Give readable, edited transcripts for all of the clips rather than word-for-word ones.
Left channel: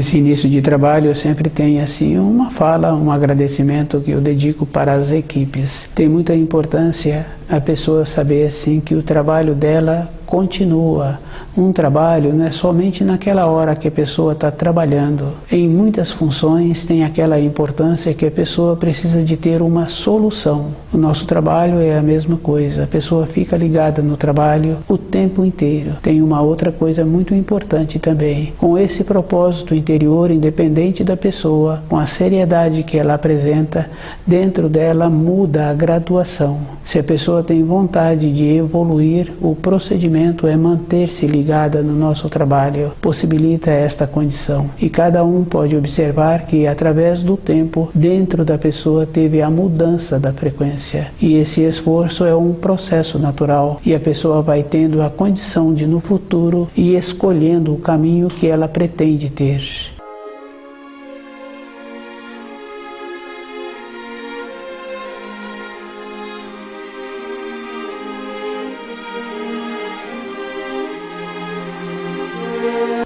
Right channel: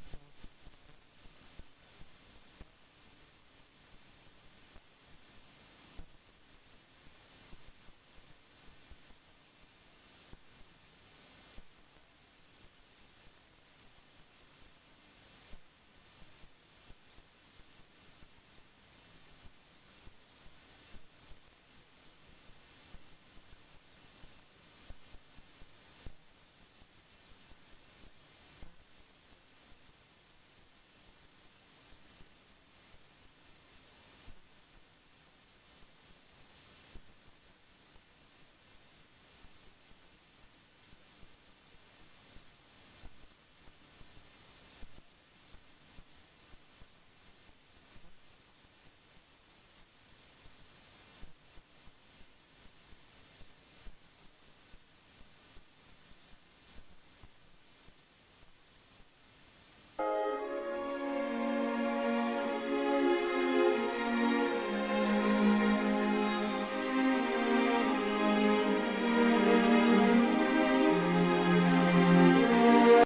Nesse início de trabalho eu sempre tenho assim uma fala, um agradecimento que eu dedico para as equipes. Tem muita importância a pessoa saber assim que o trabalho dela continua. Um trabalho não é somente naquela hora que a pessoa está trabalhando. Em muitas funções tem aquela importância que a pessoa precisa de ter uma solução. O nosso trabalho é a mesma coisa. A pessoa fica ligada no trabalho o tempo inteiro. Tem uma outra coisa muito importante também. Com esse propósito interior, independente da pessoa, com a seriedade que ela apresenta, dentro dela muda a graduação. Se a pessoa tem vontade de evoluir, o procedimento é manter-se ligada no nosso trabalho, possibilita esta condição. E cada um pode observar que através do tempo, dentro da pessoa teve a mudança da frequência. E esse esforço é um processo natural e a pessoa vai tendo a condição de no futuro ir escolhendo o caminho que ela pretende ter.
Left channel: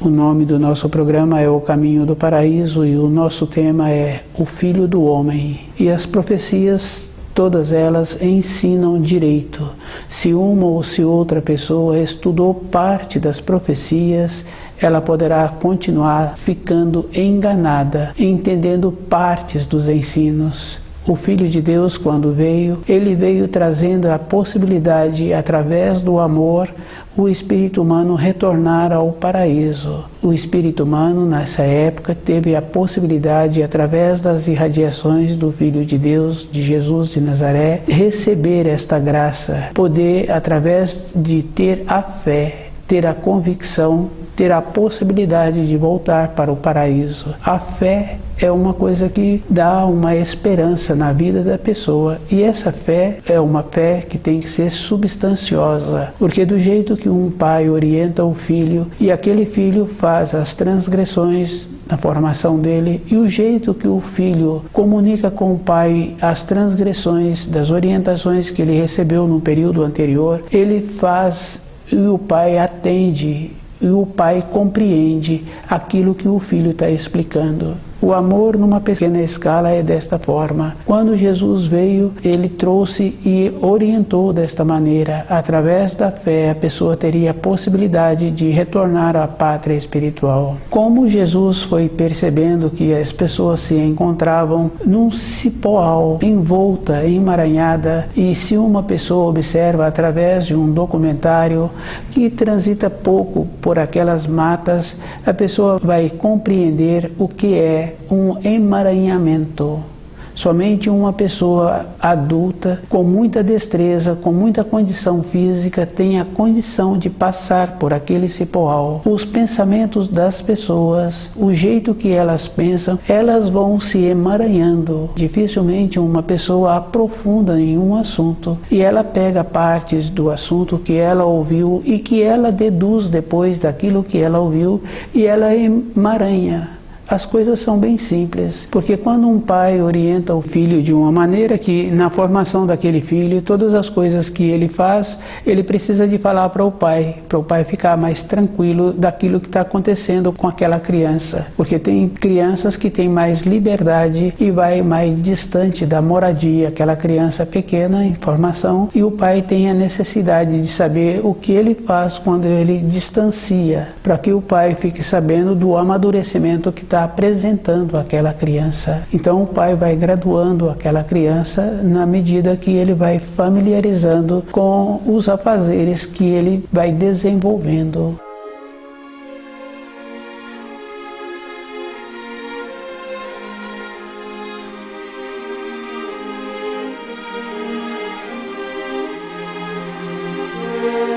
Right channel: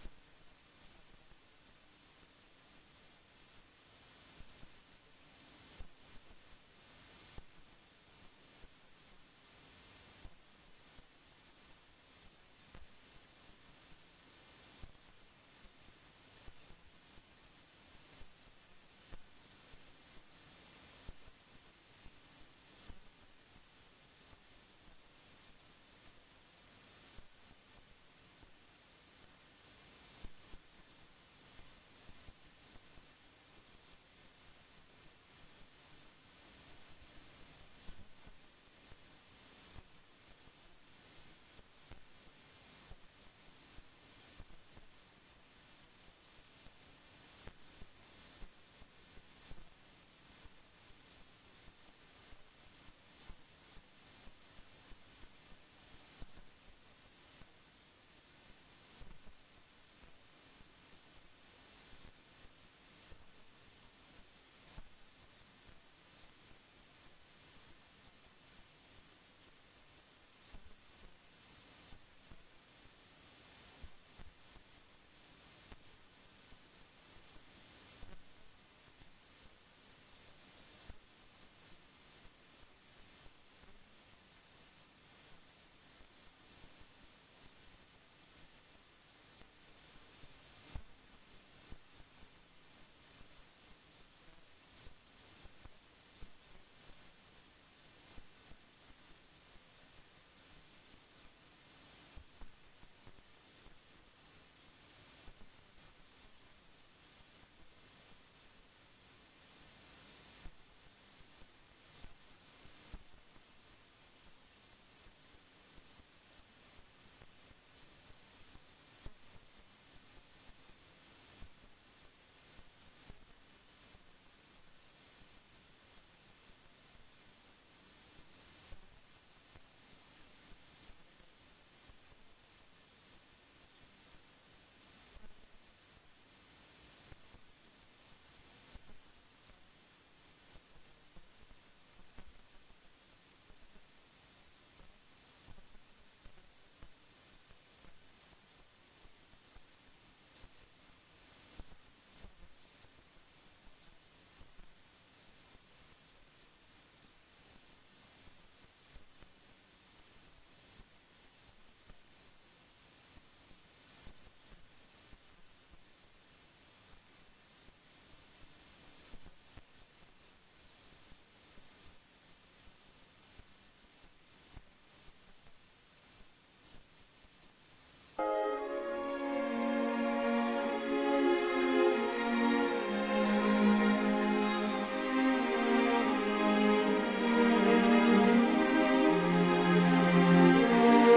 O nome do nosso programa é O Caminho do Paraíso e o nosso tema é O Filho do Homem. E as profecias, todas elas ensinam direito. Se uma ou se outra pessoa estudou parte das profecias, ela poderá continuar ficando enganada, entendendo partes dos ensinos. O Filho de Deus, quando veio, ele veio trazendo a possibilidade, através do amor, o espírito humano retornar ao paraíso. O espírito humano, nessa época, teve a possibilidade, através das irradiações do Filho de Deus, de Jesus de Nazaré, receber esta graça, poder, através de ter a fé, ter a convicção, ter a possibilidade de voltar para o paraíso. A fé é uma coisa que dá uma esperança na vida da pessoa. E essa fé é uma fé que tem que ser substanciosa, porque do jeito que um pai orienta o filho e aquele filho faz as transgressões na formação dele, e o jeito que o filho comunica com o pai as transgressões das orientações que ele recebeu no período anterior, ele faz e o pai atende, e o pai compreende aquilo que o filho está explicando. O amor numa pequena escala é desta forma. Quando Jesus veio, ele trouxe e orientou desta maneira. Através da fé, a pessoa teria a possibilidade de retornar à pátria espiritual. Como Jesus foi percebendo que as pessoas se encontravam num cipoal, envolta, emaranhada, e se uma pessoa observa através de um documentário que transita pouco por aquelas matas, a pessoa vai compreender o que é um emaranhamento. Somente uma pessoa adulta, com muita destreza, com muita condição física, tem a condição de passar por aquele cipoal. Os pensamentos das pessoas, o jeito que elas pensam, elas vão se emaranhando. Dificilmente uma pessoa aprofunda em um assunto e ela pega partes do assunto que ela ouviu e que ela deduz depois daquilo que ela ouviu e ela emaranha. As coisas são bem simples, porque quando um pai orienta o filho de uma maneira que na formação daquele filho, todas as coisas que ele faz, ele precisa de falar para o pai ficar mais tranquilo daquilo que está acontecendo com aquela criança, porque tem crianças que têm mais liberdade e vai mais distante da moradia, aquela criança pequena em formação, e o pai tem a necessidade de saber o que ele faz quando ele distancia, para que o pai fique sabendo do amadurecimento que está apresentando aquela criança. Então o pai vai graduando aquela criança na medida que ele vai familiarizando com os afazeres que ele vai desenvolvendo.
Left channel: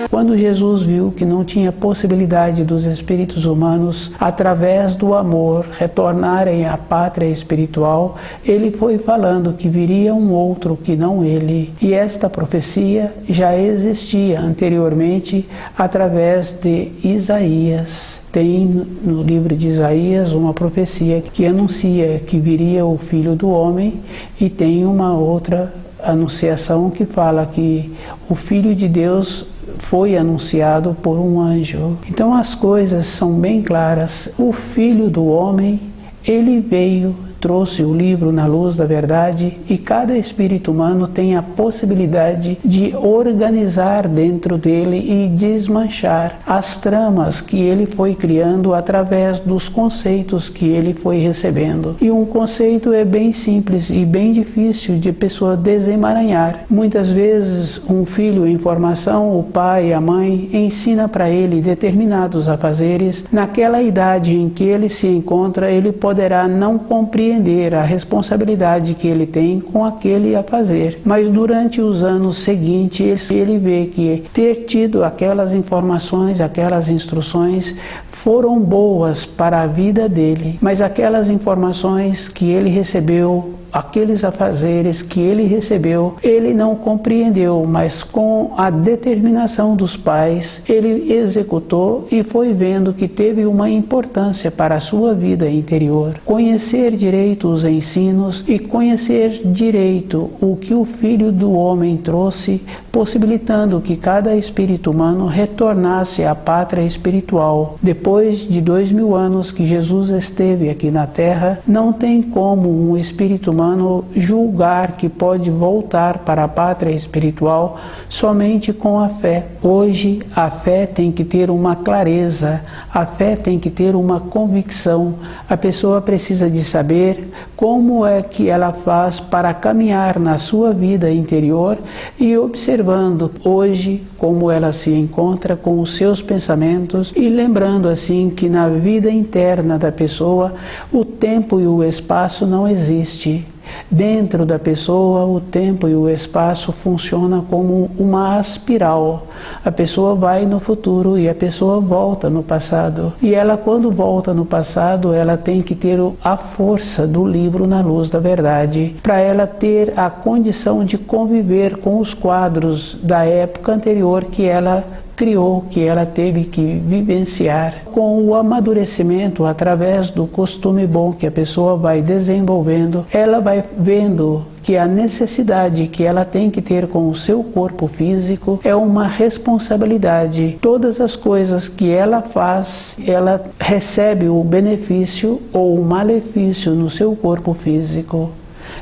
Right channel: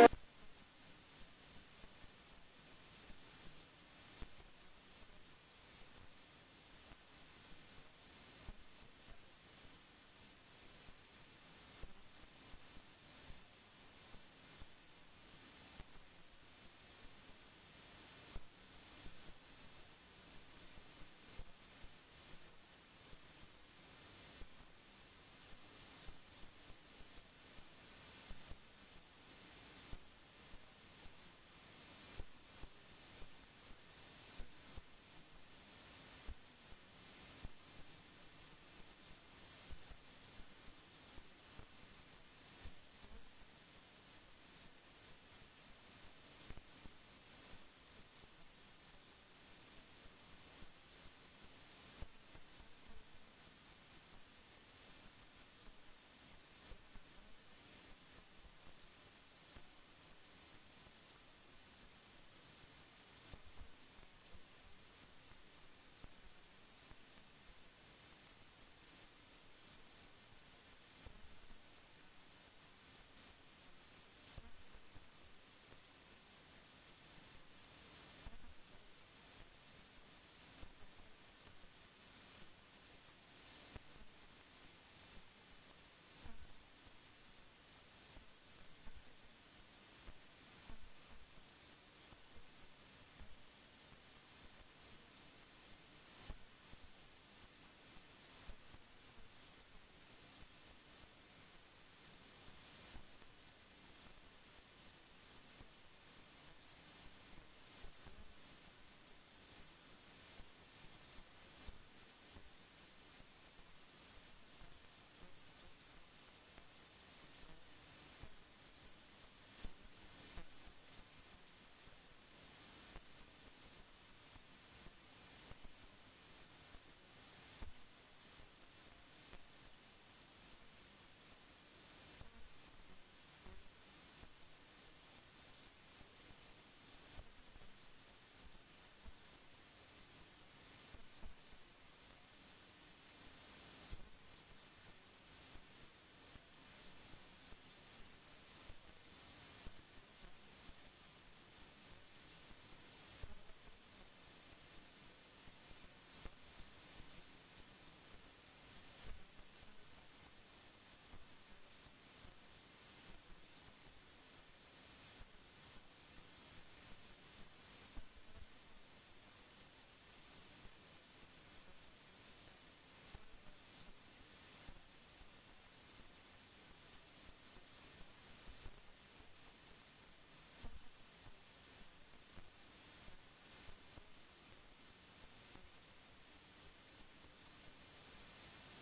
Quando Jesus viu que não tinha possibilidade dos espíritos humanos, através do amor, retornarem à pátria espiritual, ele foi falando que viria um outro que não ele. E esta profecia já existia anteriormente através de Isaías. Tem no livro de Isaías uma profecia que anuncia que viria o Filho do Homem, e tem uma outra anunciação que fala que o Filho de Deus foi anunciado por um anjo. Então as coisas são bem claras. O Filho do Homem, ele veio, trouxe o livro na luz da verdade, e cada espírito humano tem a possibilidade de organizar dentro dele e desmanchar as tramas que ele foi criando através dos conceitos que ele foi recebendo. E um conceito é bem simples e bem difícil de pessoa desemaranhar. Muitas vezes um filho em formação, o pai, a mãe, ensina para ele determinados afazeres. Naquela idade em que ele se encontra, ele poderá não compreender a responsabilidade que ele tem com aquele a fazer. Mas durante os anos seguintes, ele vê que ter tido aquelas informações, aquelas instruções foram boas para a vida dele, mas aquelas informações que ele recebeu, aqueles afazeres que ele recebeu, ele não compreendeu, mas com a determinação dos pais, ele executou e foi vendo que teve uma importância para a sua vida interior. Conhecer direito os ensinos e conhecer direito o que o Filho do Homem trouxe, possibilitando que cada espírito humano retornasse à pátria espiritual. Depois de 2000 anos que Jesus esteve aqui na Terra, não tem como um espírito humano julgar que pode voltar para a pátria espiritual somente com a fé. Hoje a fé tem que ter uma clareza, a fé tem que ter uma convicção. A pessoa precisa de saber como é que ela faz para caminhar na sua vida interior e observando hoje como ela se encontra com os seus pensamentos e lembrando assim que na vida interna da pessoa o tempo e o espaço não existe. Dentro da pessoa, o tempo e o espaço funcionam como uma espiral. A pessoa vai no futuro e a pessoa volta no passado. E ela, quando volta no passado, ela tem que ter a força do livro na luz da verdade, para ela ter a condição de conviver com os quadros da época anterior que ela criou, que ela teve que vivenciar. Com o amadurecimento, através do costume bom que a pessoa vai desenvolvendo, ela vai vendo que a necessidade que ela tem que ter com o seu corpo físico é uma responsabilidade. Todas as coisas que ela faz, ela recebe o benefício ou o malefício no seu corpo físico.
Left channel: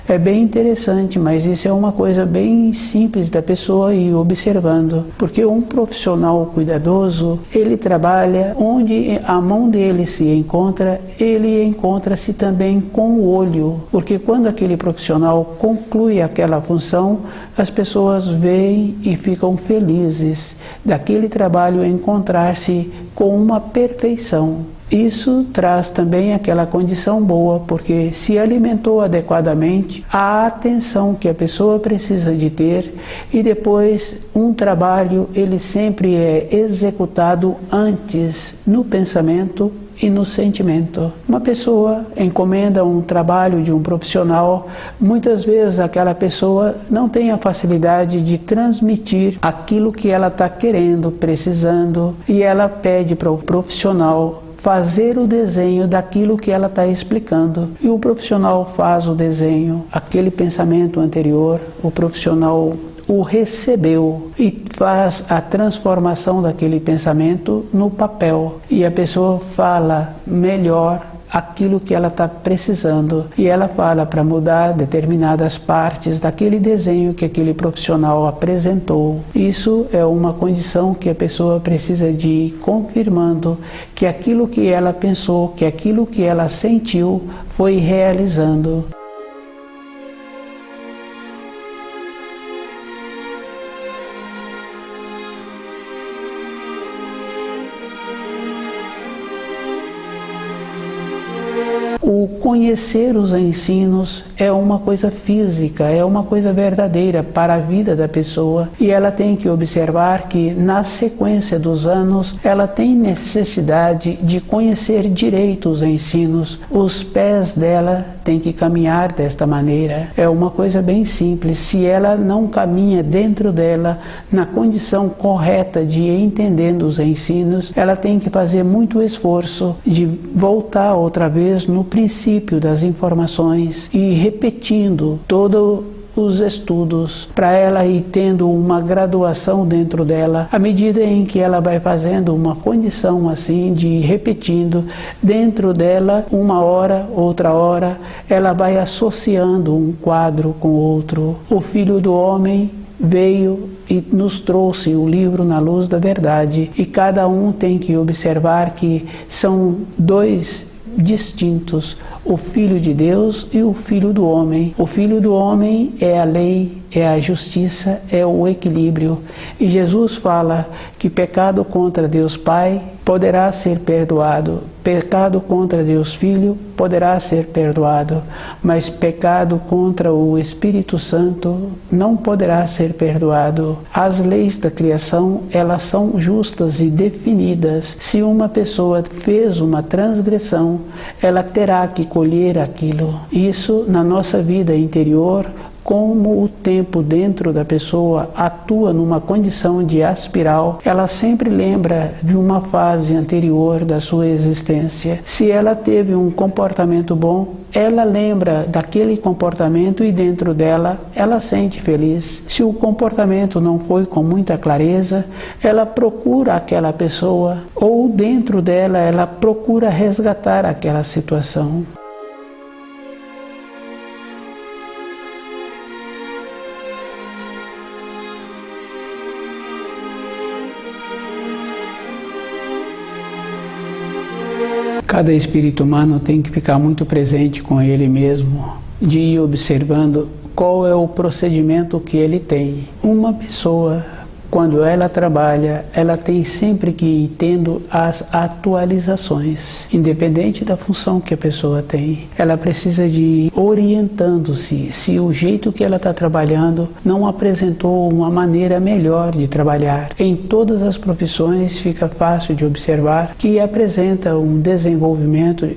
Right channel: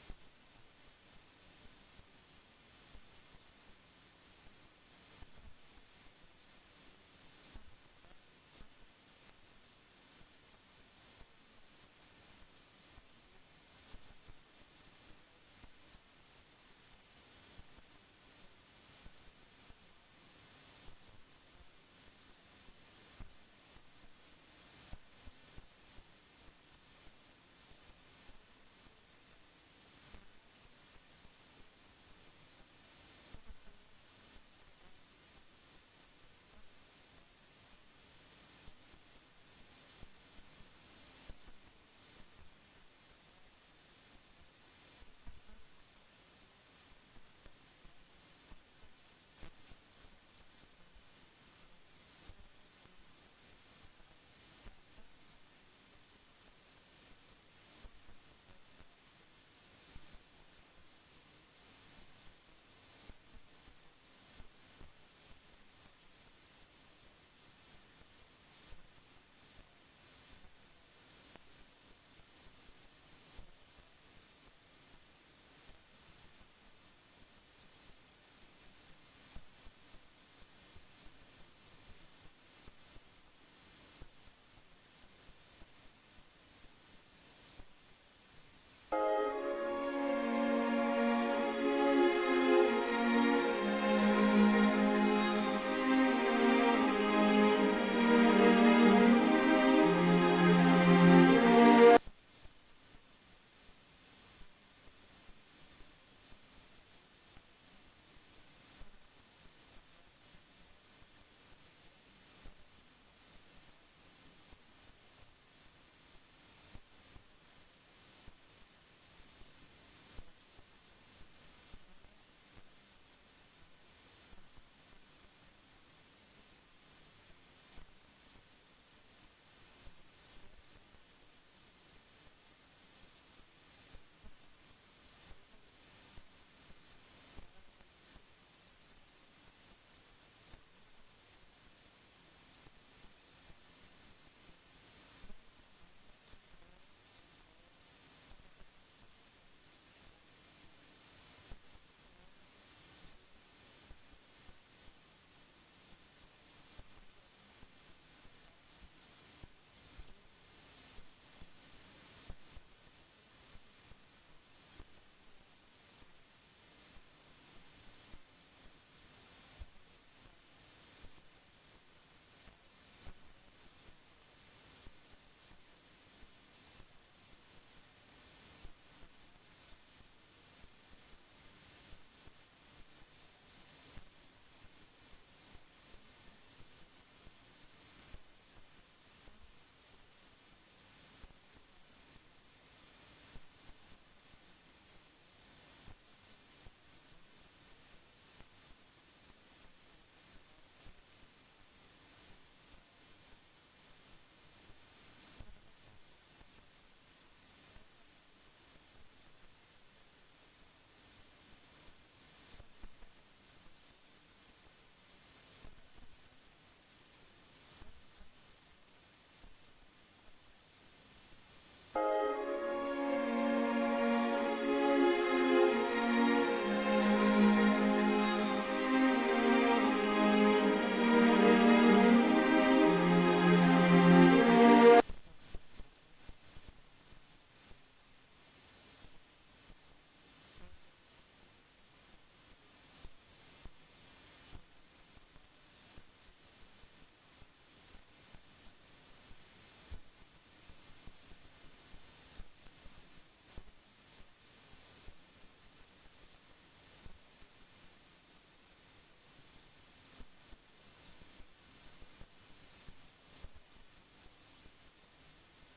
É bem interessante, mas isso é uma coisa bem simples da pessoa ir observando, porque um profissional cuidadoso, ele trabalha onde a mão dele se encontra, ele encontra-se também com o olho, porque quando aquele profissional conclui aquela função, as pessoas veem e ficam felizes daquele trabalho encontrar-se com uma perfeição. Isso traz também aquela condição boa, porque se alimentou adequadamente, a atenção que a pessoa precisa de ter, e depois um trabalho ele sempre é executado antes no pensamento e no sentimento. Uma pessoa encomenda um trabalho de um profissional, muitas vezes aquela pessoa não tem a facilidade de transmitir aquilo que ela está querendo, precisando, e ela pede para o profissional fazer o desenho daquilo que ela está explicando. E o profissional faz o desenho, aquele pensamento anterior, o profissional o recebeu e faz a transformação daquele pensamento no papel. E a pessoa fala melhor aquilo que ela está precisando. E ela fala para mudar determinadas partes daquele desenho que aquele profissional apresentou. Isso é uma condição que a pessoa precisa de ir confirmando que aquilo que ela pensou, que aquilo que ela sentiu foi realizando. O conhecer os ensinos é uma coisa física, é uma coisa verdadeira para a vida da pessoa, e ela tem que observar que na sequência dos anos ela tem necessidade de conhecer direito os ensinos. Os pés dela têm que caminhar desta maneira. É uma coisa bem simples. Se ela não caminha dentro dela na condição correta de ir entendendo os ensinos, ela tem que fazer muito esforço de voltar outra vez no princípio das informações e repetindo todo os estudos, para ela ir tendo uma graduação dentro dela, à medida em que ela vai fazendo uma condição assim de repetindo dentro dela, uma hora, outra hora, ela vai associando um quadro com outro. O Filho do Homem veio e nos trouxe o livro Na Luz da Verdade, e cada um tem que observar que são dois distintos, o Filho de Deus e o Filho do Homem. O Filho do Homem é a lei, é a justiça, é o equilíbrio. E Jesus fala que pecado contra Deus Pai poderá ser perdoado, pecado contra Deus Filho poderá ser perdoado, mas pecado contra o Espírito Santo não poderá ser perdoado. As leis da criação, elas são justas e definidas. Se uma pessoa fez uma transgressão, ela terá que colher aquilo. Isso na nossa vida interior, como o tempo dentro da pessoa atua numa condição de aspiral, ela sempre lembra de uma fase anterior da sua existência. Se ela teve um comportamento bom, ela lembra daquele comportamento e dentro dela ela sente feliz. Se o comportamento não foi com muita clareza, ela procura aquela pessoa ou dentro dela ela procura resgatar aquela situação. Cada espírito humano tem que ficar muito presente com ele mesmo, de ir observando qual é o procedimento que ele tem. Uma pessoa, quando ela trabalha, ela tem sempre que ir tendo as atualizações, independente da função que a pessoa tem. Ela precisa de ir orientando-se, se o jeito que ela está trabalhando não apresentou uma maneira melhor de trabalhar. Em todas as profissões fica fácil de observar que apresenta um desenvolvimento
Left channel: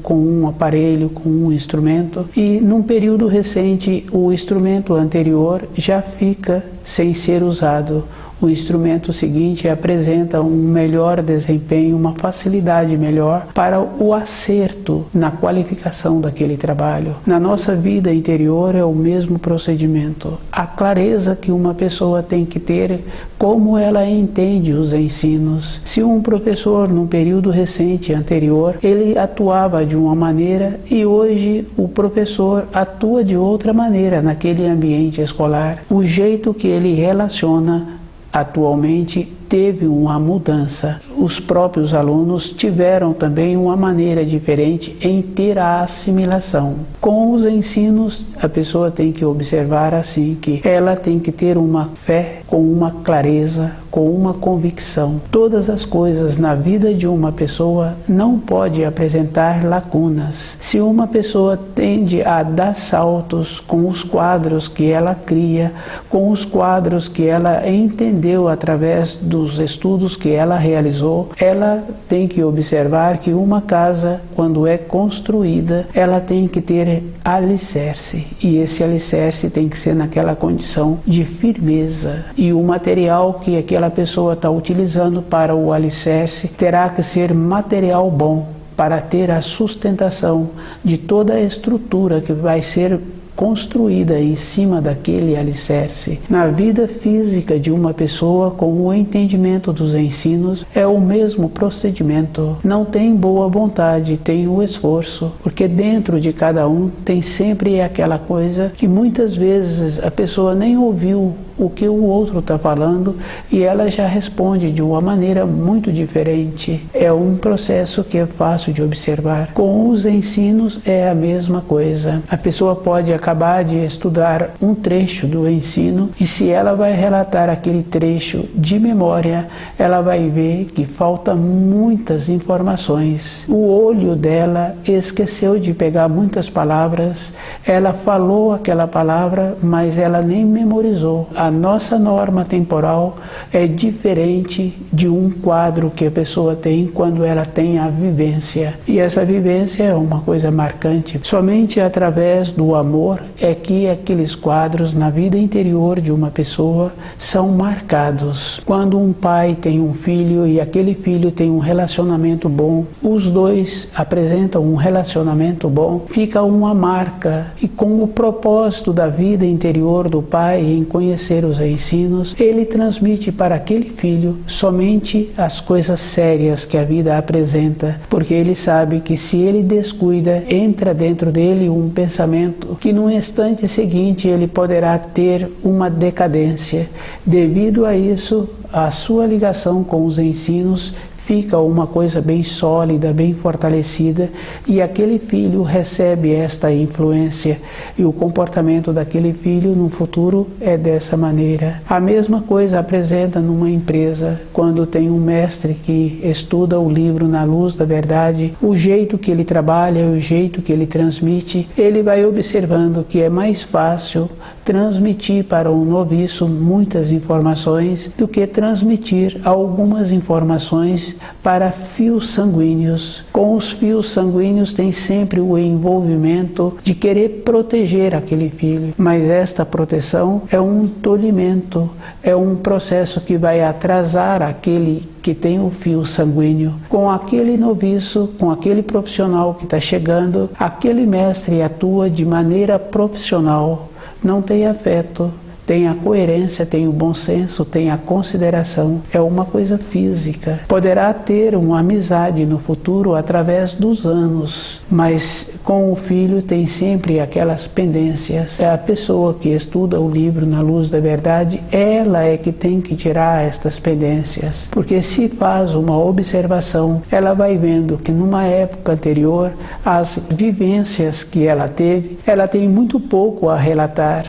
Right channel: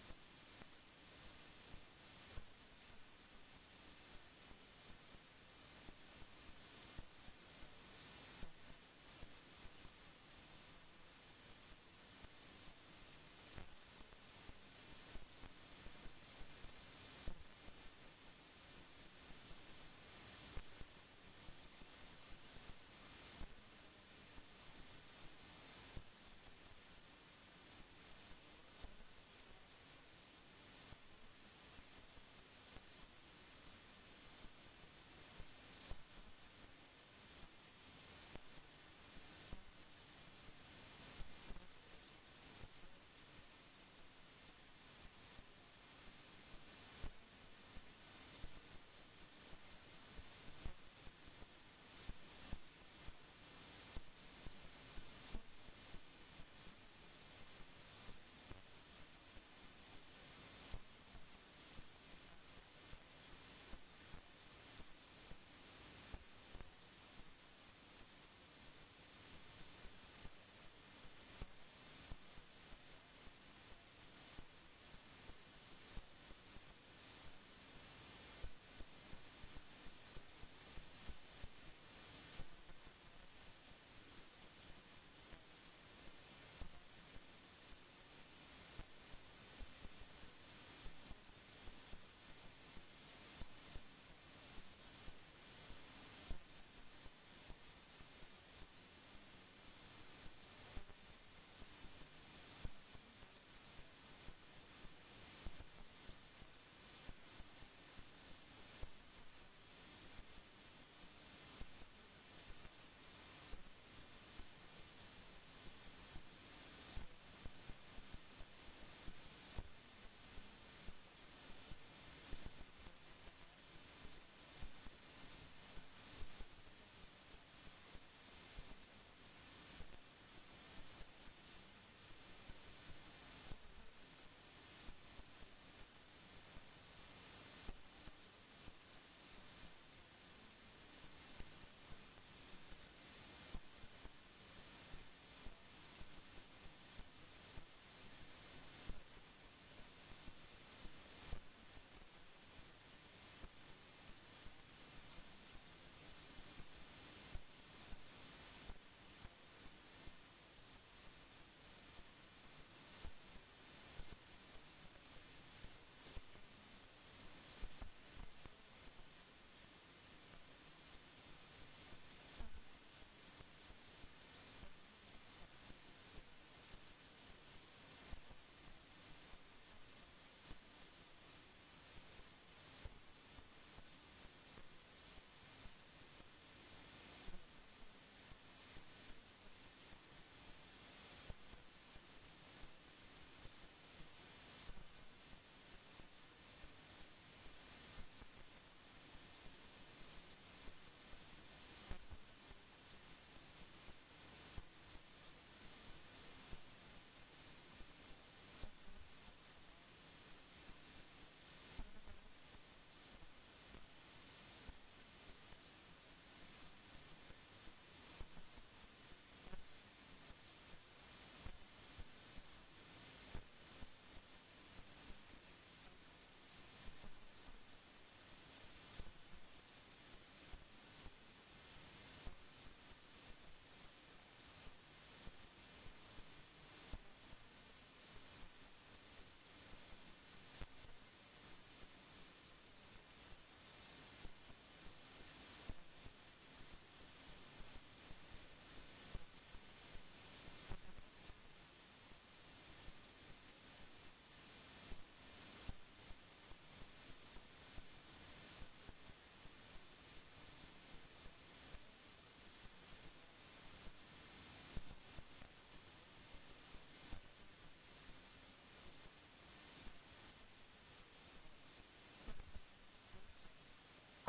com um aparelho, com um instrumento, e num período recente o instrumento anterior já fica sem ser usado. O instrumento seguinte apresenta um melhor desempenho, uma facilidade melhor para o acerto na qualificação daquele trabalho. Na nossa vida interior é o mesmo procedimento. A clareza que uma pessoa tem que ter como ela entende os ensinos. Se um professor, num período recente anterior, ele atuava de uma maneira e hoje o professor atua de outra maneira naquele ambiente escolar, o jeito que ele relaciona atualmente teve uma mudança. Os próprios alunos tiveram também uma maneira diferente em ter a assimilação. Com os ensinos, a pessoa tem que observar assim que ela tem que ter uma fé com uma clareza, com uma convicção. Todas as coisas na vida de uma pessoa não pode apresentar lacunas. Se uma pessoa tende a dar saltos com os quadros que ela cria, com os quadros que ela entendeu através dos estudos que ela realizou, ela tem que observar que uma casa, quando é construída, ela tem que ter alicerce. E esse alicerce tem que ser naquela condição de firmeza. E o material que aquela pessoa está utilizando para o alicerce terá que ser material bom para ter a sustentação de toda a estrutura que vai ser construída em cima daquele alicerce. Na vida física de uma pessoa, com o entendimento dos ensinos, é o mesmo procedimento. Não tem boa vontade, tem o esforço, porque dentro de cada um tem sempre aquela coisa que muitas vezes a pessoa nem ouviu o que o outro está falando e ela já responde de uma maneira muito diferente. É um processo que é fácil de observar. Com os ensinos é a mesma coisa. A pessoa pode acabar de estudar um trecho do ensino e se ela vai relatar aquele trecho de memória, ela vai ver que falta muitas informações. O olho dela esqueceu de pegar muitas palavras, ela falou aquela palavra, mas ela nem memorizou. A nossa norma temporal é diferente de um quadro que a pessoa tem quando ela tem a vivência. E essa vivência é uma coisa marcante. Somente através do amor é que aqueles quadros na vida interior de uma pessoa são marcados. Quando um pai tem um filho e aquele filho tem um relacionamento bom, os dois apresentam um relacionamento bom, fica uma marca. E com o propósito da vida interior do pai em conhecer os ensinos, ele transmite para aquele filho somente as coisas sérias que a vida apresenta, porque ele sabe que se ele descuida, entra dentro dele um pensamento que no instante seguinte ele poderá ter uma decadência. Devido a isso, a sua ligação com os ensinos fica uma coisa bem sólida, bem fortalecida, e aquele filho recebe esta influência, e o comportamento daquele filho no futuro é dessa maneira. A mesma coisa apresenta numa empresa, quando tem um mestre que estuda o livro na luz da verdade, o jeito que ele trabalha, o jeito que ele transmite, ele vai observando que é mais fácil transmitir para um noviço muitas informações do que transmitir algumas informações para fios sanguíneos. Com os fios sanguíneos tem sempre o envolvimento de querer proteger aquele filho, mas esta proteção é um tolimento, é um processo que vai atrasar aquele que tem o fio sanguíneo. Com aquele noviço, com aquele profissional que está chegando, aquele mestre atua de maneira profissional. Não tem afeto, tem a coerência, tem o bom senso, tem a consideração. É uma coisa física. Poderá ter uma amizade no futuro através dos anos, mas com o filho tem sempre aquelas pendências. É a pessoa que estuda o livro na luz da verdade, ela é que tem que tirar estas pendências. Porque se faz uma observação, ela vai vendo que numa época anterior, as vivências que ela teve, ela tem muito pouco a relatar.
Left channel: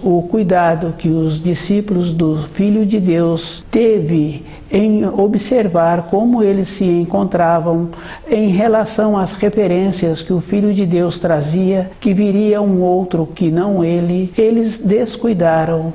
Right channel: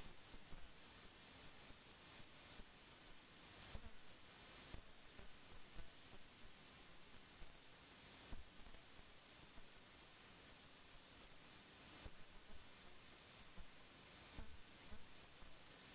O cuidado que os discípulos do Filho de Deus teve em observar como eles se encontravam em relação às referências que o Filho de Deus trazia, que viria um outro que não ele, eles descuidaram,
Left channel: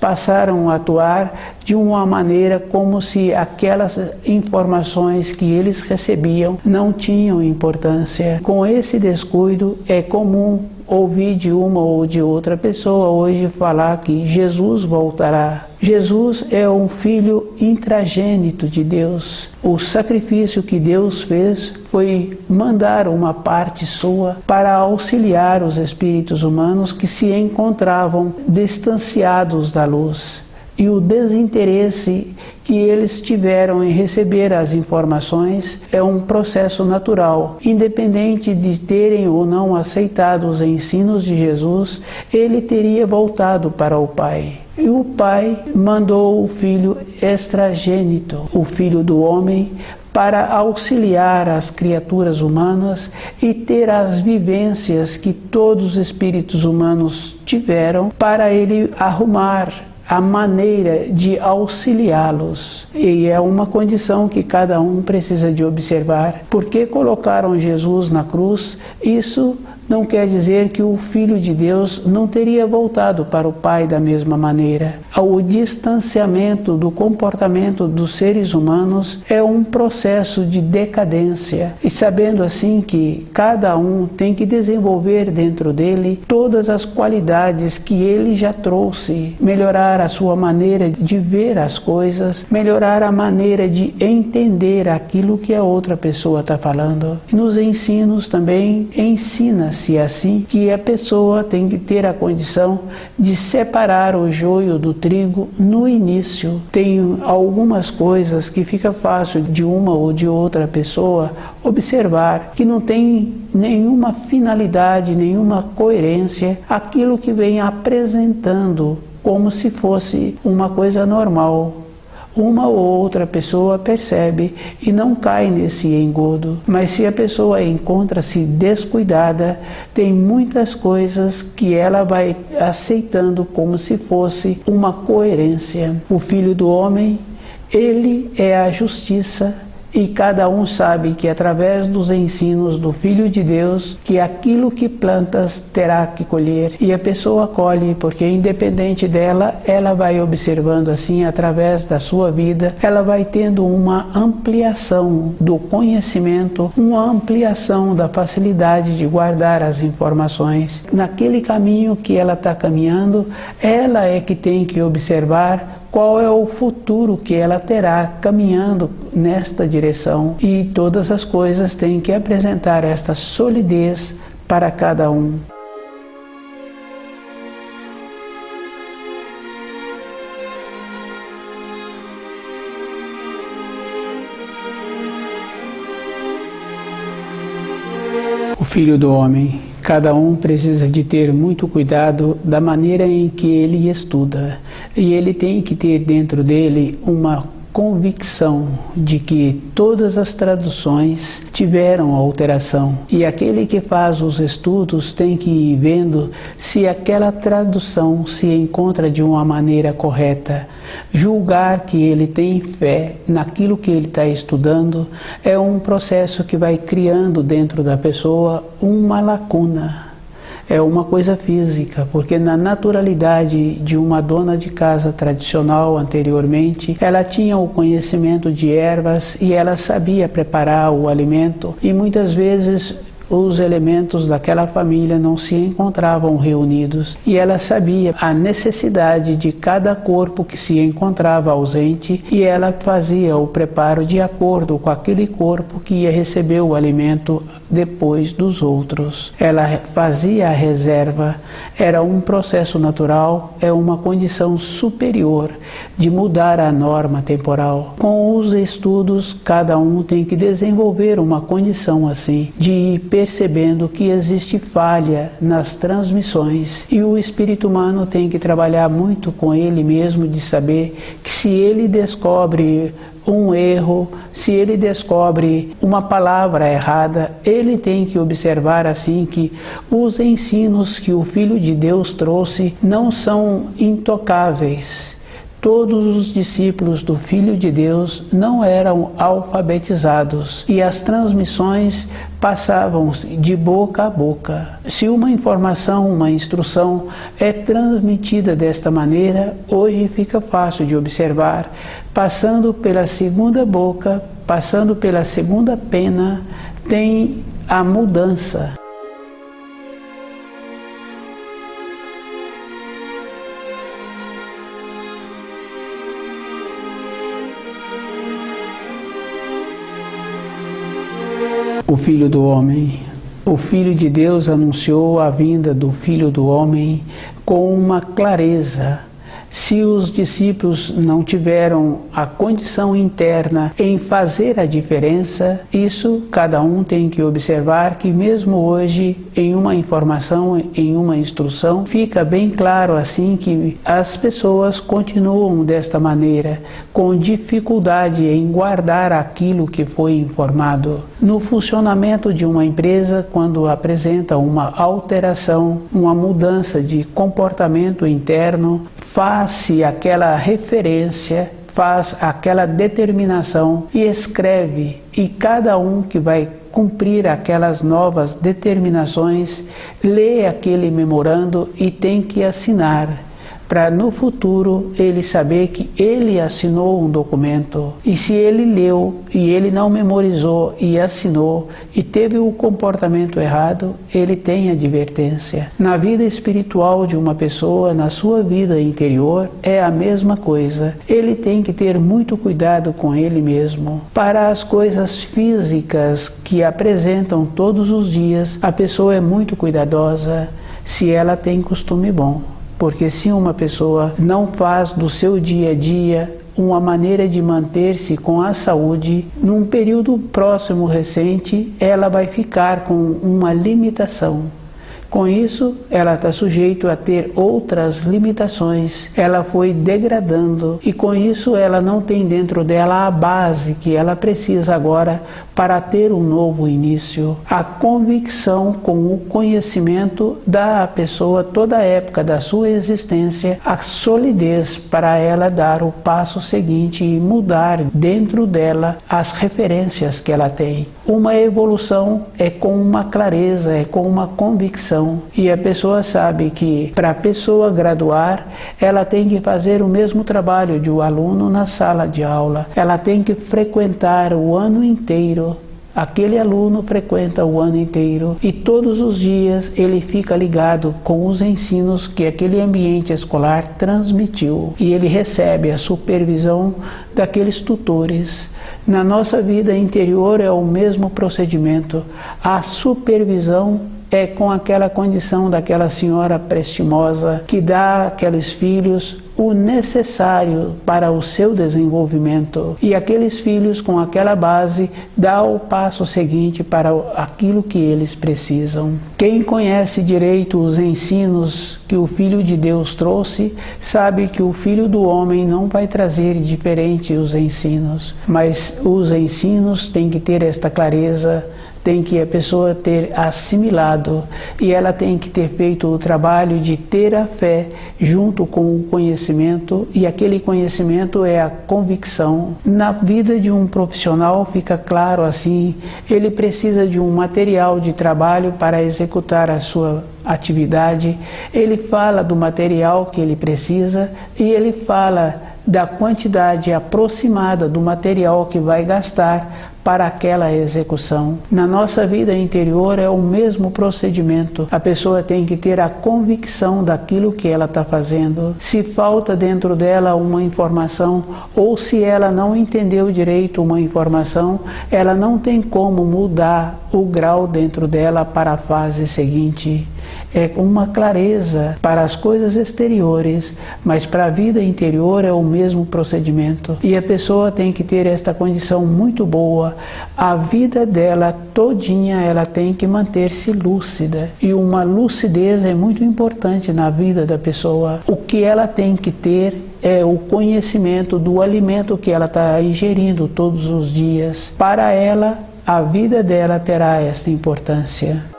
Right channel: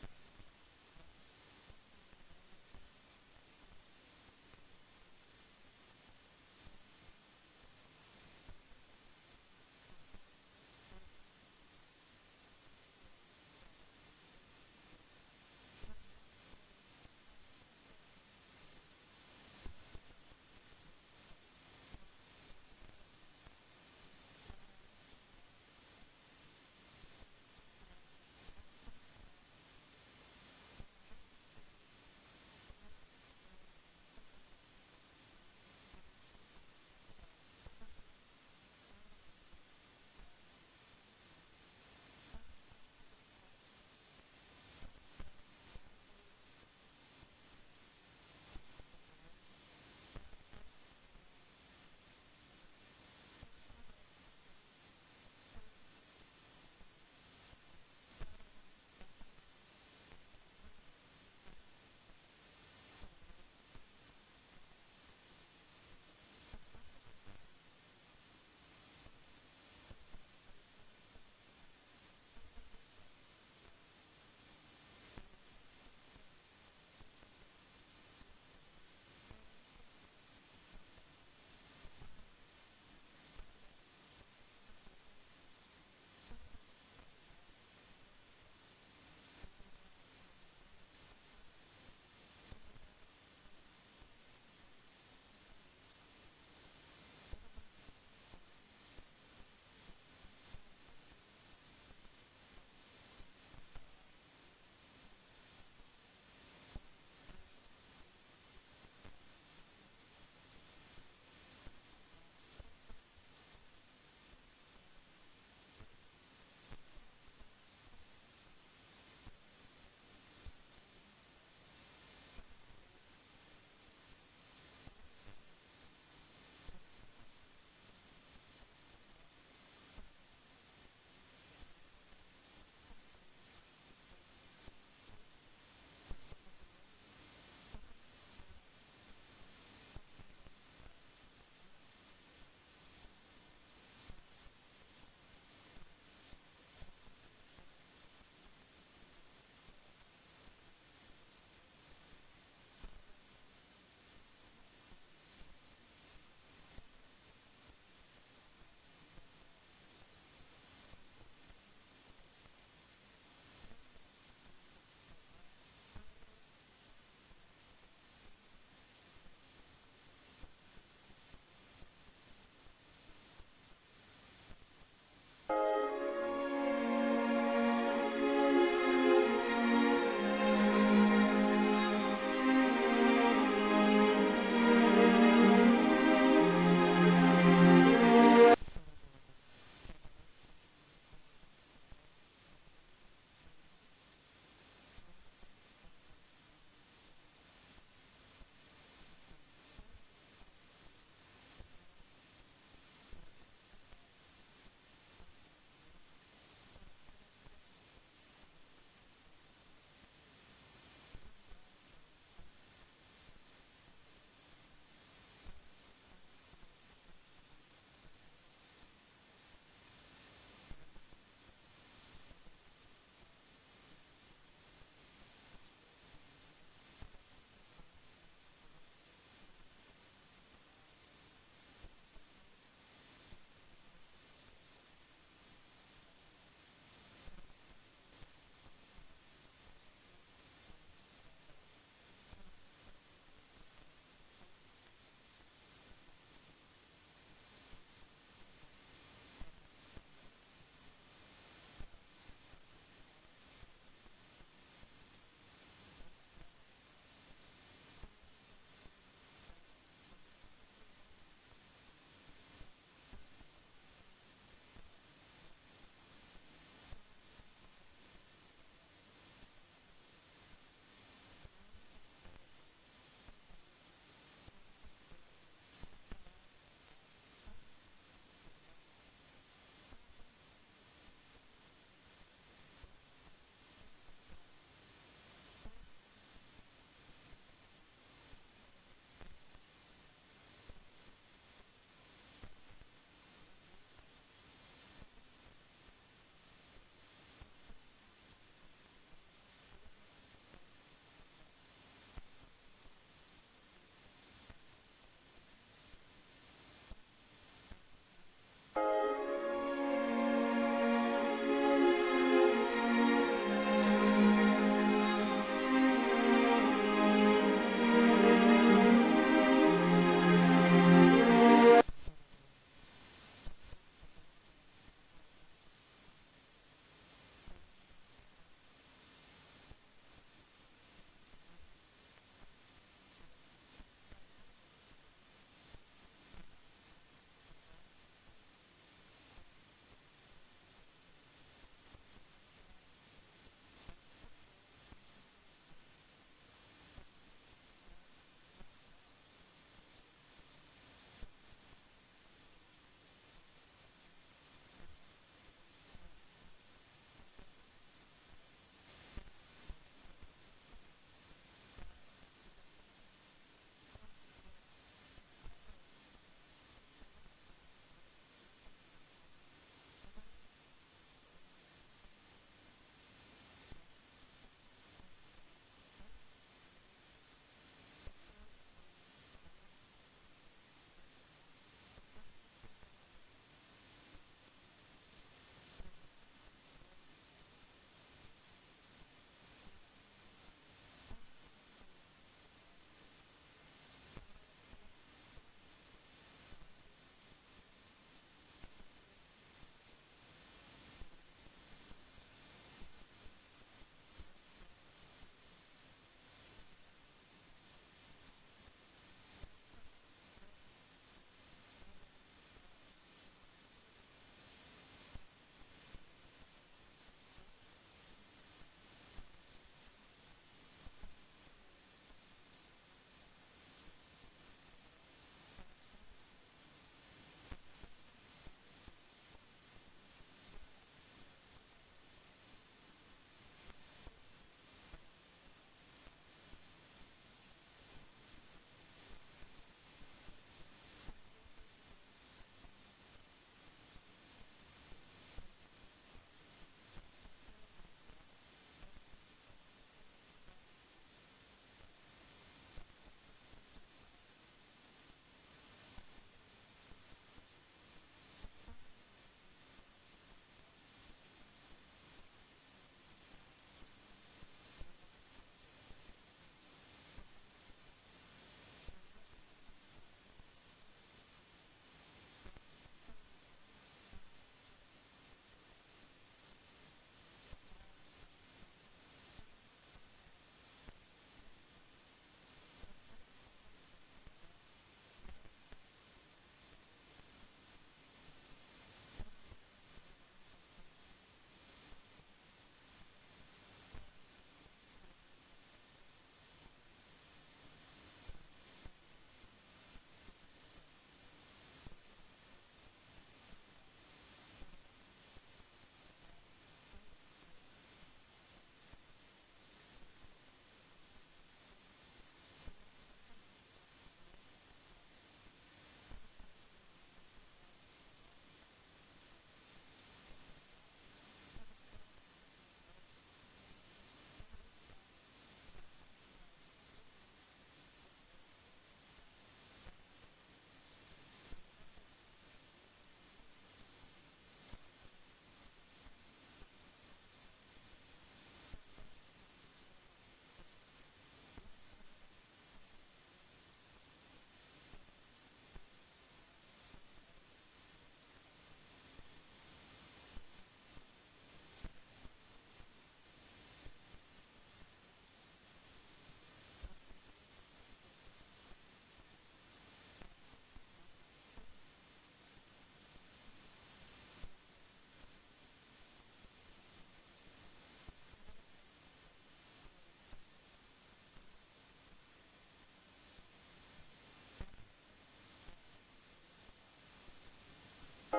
passaram a atuar de uma maneira como se aquelas informações que eles recebiam não tinham importância. Com esse descuido é comum ouvir de uma ou de outra pessoa hoje falar que Jesus voltará. Jesus é um filho intragênito de Deus. O sacrifício que Deus fez foi mandar uma parte sua para auxiliar os espíritos humanos que se encontravam distanciados da luz. E o desinteresse que eles tiveram em receber as informações é um processo natural. Independente de terem ou não aceitado os ensinos de Jesus, ele teria voltado para o Pai. E o Pai mandou o Filho extragênito, o Filho do homem, para auxiliar as criaturas humanas e ter as vivências que todos os espíritos humanos tiveram para ele arrumar a maneira de auxiliá-los. E é uma condição que cada um precisa de observar. Por que colocaram Jesus na cruz? Isso não quer dizer que o Filho de Deus não teria voltado para o Pai da mesma maneira. O distanciamento do comportamento dos seres humanos é um processo de decadência. E sabendo assim que cada um tem que desenvolver dentro dele todas as qualidades que ele já trouxe, melhorar a sua maneira de ver as coisas, melhorar a maneira de entender aquilo que a outra pessoa está falando. Nos ensinos também ensina-se assim que a pessoa tem que ter a condição de separar o joio do trigo no início. Tem algumas coisas que fica fácil de uma ou de outra pessoa observar, que não tem nenhuma finalidade, nenhuma coerência, aquilo que vem apresentando como se fosse uma coisa normal. Uma ou outra pessoa percebe e não cai nesse engodo. Mas se a pessoa encontra-se descuidada, tem muitas coisas que ela vai aceitando como se fosse uma coerência. O Filho do Homem Ele é a justiça. E cada um sabe que através dos ensinos do Filho de Deus, que aquilo que plantas terá que colher. E a pessoa colhe, porque independente dela, ela vai observando assim, através da sua vida, ela vai tendo uma ampliação do conhecimento, uma ampliação da facilidade de guardar as informações. Naquele caminho que ela está caminhando, ela é que tem que observar qual é o futuro que ela terá caminhando nesta direção. E todas as coisas têm que apresentar esta solidez para cada um. O Filho do Homem. Cada um precisa de ter muito cuidado da maneira em que ele estuda. E ele tem que ter dentro dele uma convicção de que todas as traduções tiveram alteração. E aquele que faz os estudos tem que ir vendo se aquela tradução se encontra de uma maneira correta. Julgar que ele tem fé naquilo que ele está estudando é um processo que vai criando dentro da pessoa uma lacuna. É uma coisa física, porque na naturalidade de uma dona de casa tradicional anteriormente, ela tinha o conhecimento de ervas e ela sabia preparar o alimento, e muitas vezes os elementos daquela família não se encontravam reunidos, e ela sabia a necessidade de cada corpo que se encontrava ausente, e ela fazia o preparo de acordo com aquele corpo que ia receber o alimento depois dos outros. Ela fazia a reserva, era um processo natural, é uma condição superior de mudar a norma temporal. Com os estudos, cada um tem que desenvolver uma condição assim, de ir percebendo que existe falha nas transmissões, e o espírito humano tem que trabalhar muito com ele mesmo, de saber que se ele descobre um erro, se ele descobre uma palavra errada, ele tem que observar assim que os ensinos que o Filho de Deus trouxe não são intocáveis. Todos os discípulos do Filho de Deus não eram alfabetizados e as transmissões passavam de boca a boca. Se uma informação, uma instrução é transmitida desta maneira, hoje fica fácil de observar, passando pela segunda boca, passando pela segunda pena, tem a mudança. O Filho do Homem. O Filho de Deus anunciou a vinda do Filho do Homem com uma clareza. Se os discípulos não tiveram a condição interna em fazer a diferença, isso cada um tem que observar que mesmo hoje, em uma informação, em uma instrução, fica bem claro assim que as pessoas continuam desta maneira, com dificuldade em guardar aquilo que foi informado. No funcionamento de uma empresa, quando apresenta uma alteração, uma mudança de comportamento interno, faz-se aquela referência, faz aquela determinação e escreve, e cada um que vai cumprir aquelas novas determinações lê aquele memorando e tem que assinar, para no futuro ele saber que ele assinou um documento. E se ele leu e ele não memorizou e assinou e teve o comportamento errado, ele tem advertência. Na vida espiritual de uma pessoa, na sua vida interior, é a mesma coisa. Ele tem que ter muito cuidado com ele mesmo. Para as coisas físicas que apresentam todos os dias, a pessoa é muito cuidadosa se ela tem costume bom. Porque se uma pessoa não faz do seu dia a dia uma maneira de manter-se com a saúde, num período próximo recente, ela vai ficar com uma limitação. Com isso, ela está sujeita a ter outras limitações, ela foi degradando e com isso ela não tem dentro dela a base que ela precisa agora para ter um novo início. A convicção com o conhecimento dá à pessoa toda a época da sua existência a solidez para ela dar o passo seguinte e mudar dentro dela as referências que ela tem. Uma evolução é com uma clareza, é com uma convicção. E a pessoa sabe que para a pessoa graduar, ela tem que fazer o mesmo trabalho de um aluno na sala de aula. Ela tem que frequentar o ano inteiro. Aquele aluno frequenta o ano inteiro e todos os dias ele fica ligado com os ensinos que aquele ambiente escolar transmitiu e ele recebe a supervisão daqueles tutores. Na nossa vida interior é o mesmo procedimento. A supervisão é com aquela condição daquela senhora prestimosa que dá àqueles filhos o necessário para o seu desenvolvimento. E aqueles filhos com aquela base dá o passo seguinte para aquilo que eles precisam. Quem conhece direito os ensinos que o Filho de Deus trouxe, sabe que o Filho do Homem não vai trazer diferente os ensinos, mas os ensinos têm que ter esta clareza, tem que a pessoa ter assimilado e ela tem que ter feito o trabalho de ter a fé junto com o conhecimento e aquele conhecimento é a convicção. Na vida de um profissional fica claro assim, ele precisa de um material de trabalho para executar a sua atividade, ele fala do material que ele precisa e ele fala da quantidade aproximada do material que vai gastar para aquela execução. Na nossa vida interior é o mesmo procedimento. A pessoa tem que ter a convicção daquilo que ela está fazendo. Se falta dentro dela uma informação ou se ela não entendeu direito uma informação, ela não tem como mudar o grau dentro dela para a fase seguinte. É uma clareza para as coisas exteriores, mas para a vida interior é o mesmo procedimento. E a pessoa tem que ter esta condição muito boa. A vida dela todinha ela tem que manter-se lúcida. E uma lucidez é muito importante na vida da pessoa. O que ela tem que ter é o conhecimento do alimento que ela está ingerindo todos os dias. Para ela, a vida dela terá esta importância.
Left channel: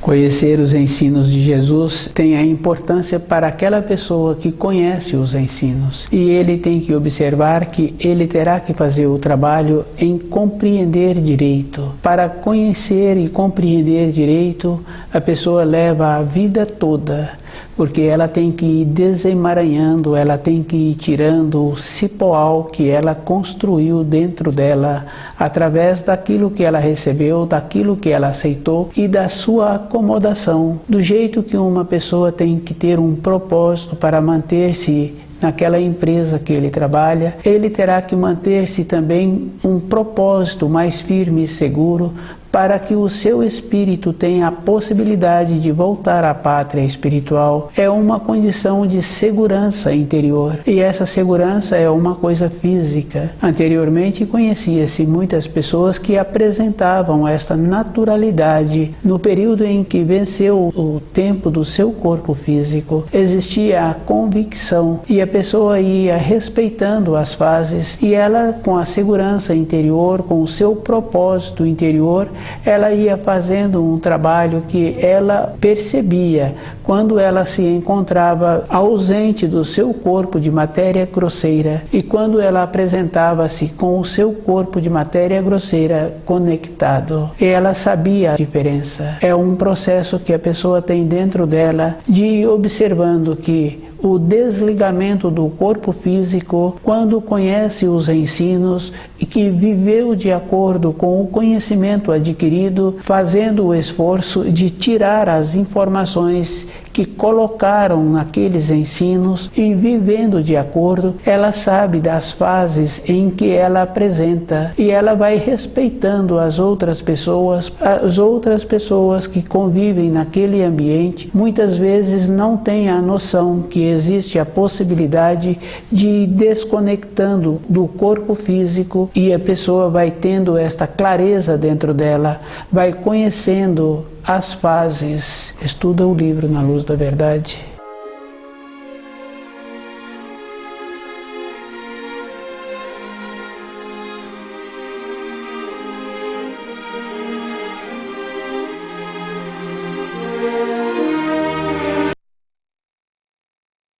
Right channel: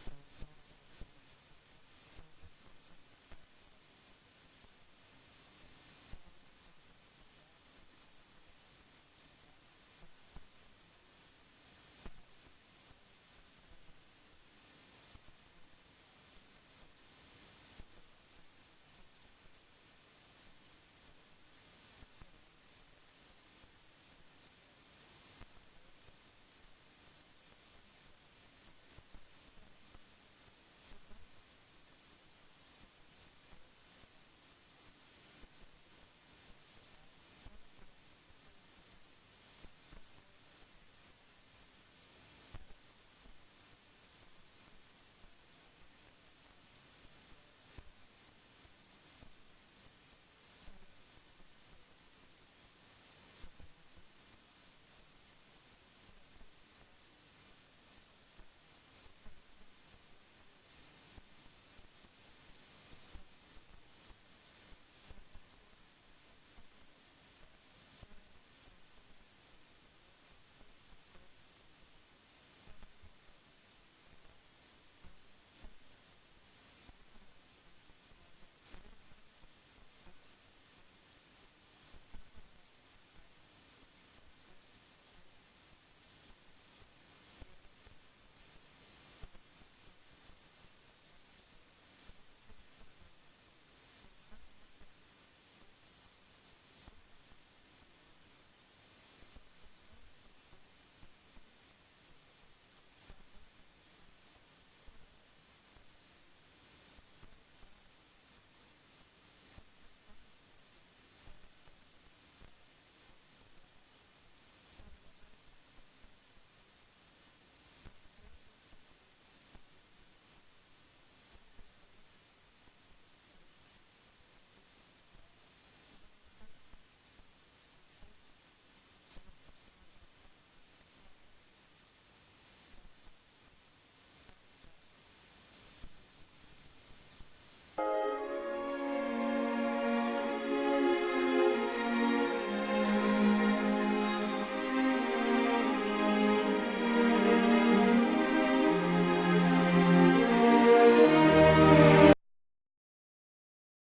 Conhecer os ensinos de Jesus tem a importância para aquela pessoa que conhece os ensinos. E ele tem que observar que ele terá que fazer o trabalho em compreender direito. Para conhecer e compreender direito, a pessoa leva a vida toda, porque ela tem que ir desemaranhando, ela tem que ir tirando o cipoal que ela construiu dentro dela, através daquilo que ela recebeu, daquilo que ela aceitou e da sua acomodação. Do jeito que uma pessoa tem que ter um propósito para manter-se naquela empresa que ele trabalha, ele terá que manter-se também um propósito mais firme e seguro para que o seu espírito tenha a possibilidade de voltar à pátria espiritual. É uma condição de segurança interior. E essa segurança é uma coisa física. Anteriormente conhecia-se muitas pessoas que apresentavam esta naturalidade. No período em que venceu o tempo do seu corpo físico, existia a convicção e a pessoa ia respeitando as fases e ela, com a segurança interior, com o seu propósito interior, ela ia fazendo um trabalho que ela percebia quando ela se encontrava ausente do seu corpo de matéria grosseira e quando ela apresentava-se com o seu corpo de matéria grosseira conectado. Ela sabia a diferença. É um processo que a pessoa tem dentro dela de ir observando que o desligamento do corpo físico, quando conhece os ensinos e que viveu de acordo com o conhecimento adquirido, fazendo o esforço de tirar as informações que que colocaram naqueles ensinos e vivendo de acordo, ela sabe das fases em que ela apresenta e ela vai respeitando as outras pessoas que convivem naquele ambiente, muitas vezes não têm a noção que existe a possibilidade de ir desconectando do corpo físico e a pessoa vai tendo esta clareza dentro dela, vai conhecendo as fases. Estuda o livro Na Luz da Verdade.